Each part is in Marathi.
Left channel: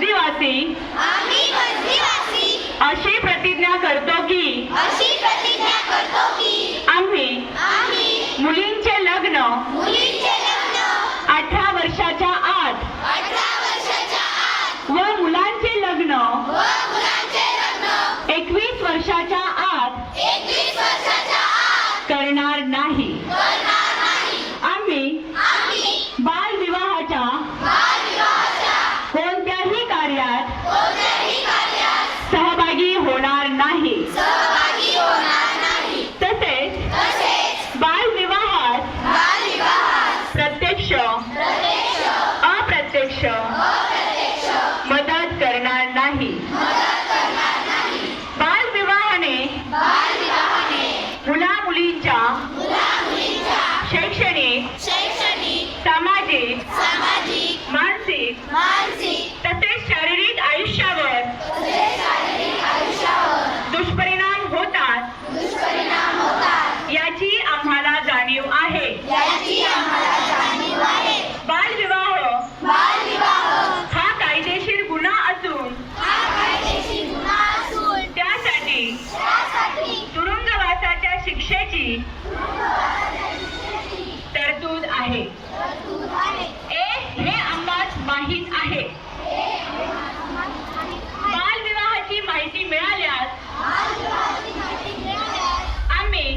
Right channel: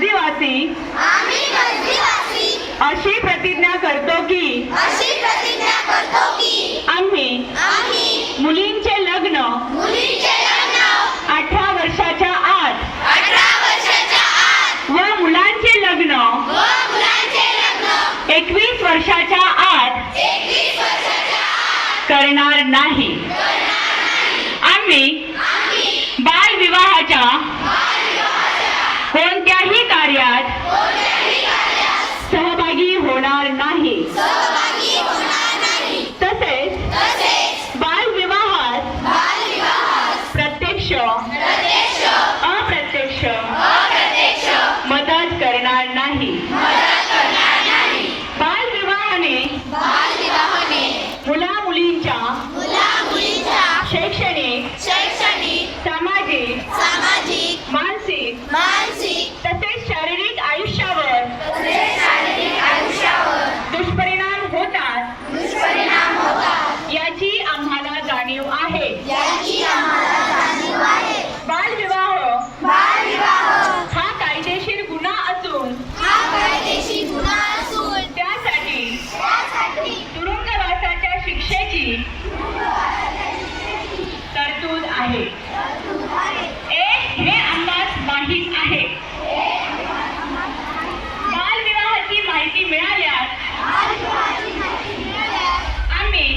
आदिवासी अशी प्रतिज्ञा करतो की आम्ही मुलींचे लग्न 18 वर्षाच्या आत व मुलांचे लग्न 21 वर्षाच्या आत करणार नाही। आम्ही बालविवाहाच्या कोणत्याही कार्यात सहभागी होणार नाही। तसेच बालविवाहात प्रत्यक्ष अप्रत्यक्ष मदत करणार नाही। बालविवाहाने मुला मुलींच्या शैक्षणिक सामाजिक मानसिक तसेच शारीरिक आयुष्यावर दुष्परिणाम होतात याची आम्हाला जाणीव आहे। बालविवाह हा कायदेशीर गुन्हा असून त्यासाठी तुरुंगवासाच्या शिक्षेची तरतूद आहे। हे आम्हास माहीत आहे। बालविवाहाची माहिती मिळाल्यास आम्ही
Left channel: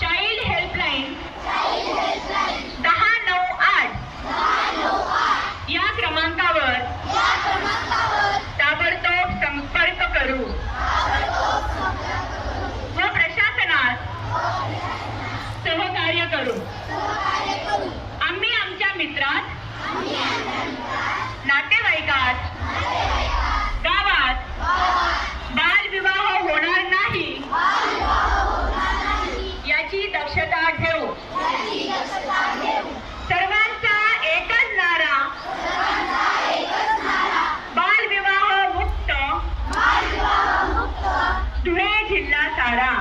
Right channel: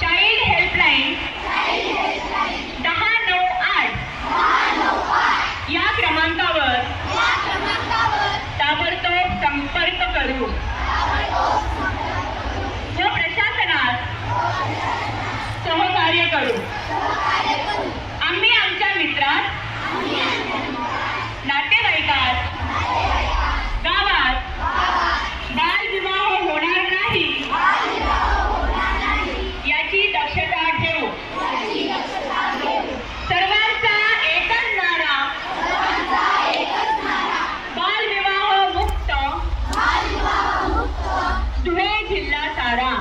चाइल्ड हेल्पलाईन 1098 या क्रमांकावर ताबडतोब संपर्क करू व प्रशासनास सहकार्य करू। आम्ही आमच्या मित्रात नातेवाईकात गावात बालविवाह होणार नाही याची दक्षता घेऊ। सर्वांचा एकच नारा बालविवाह मुक्त धुळे जिल्हा सारा।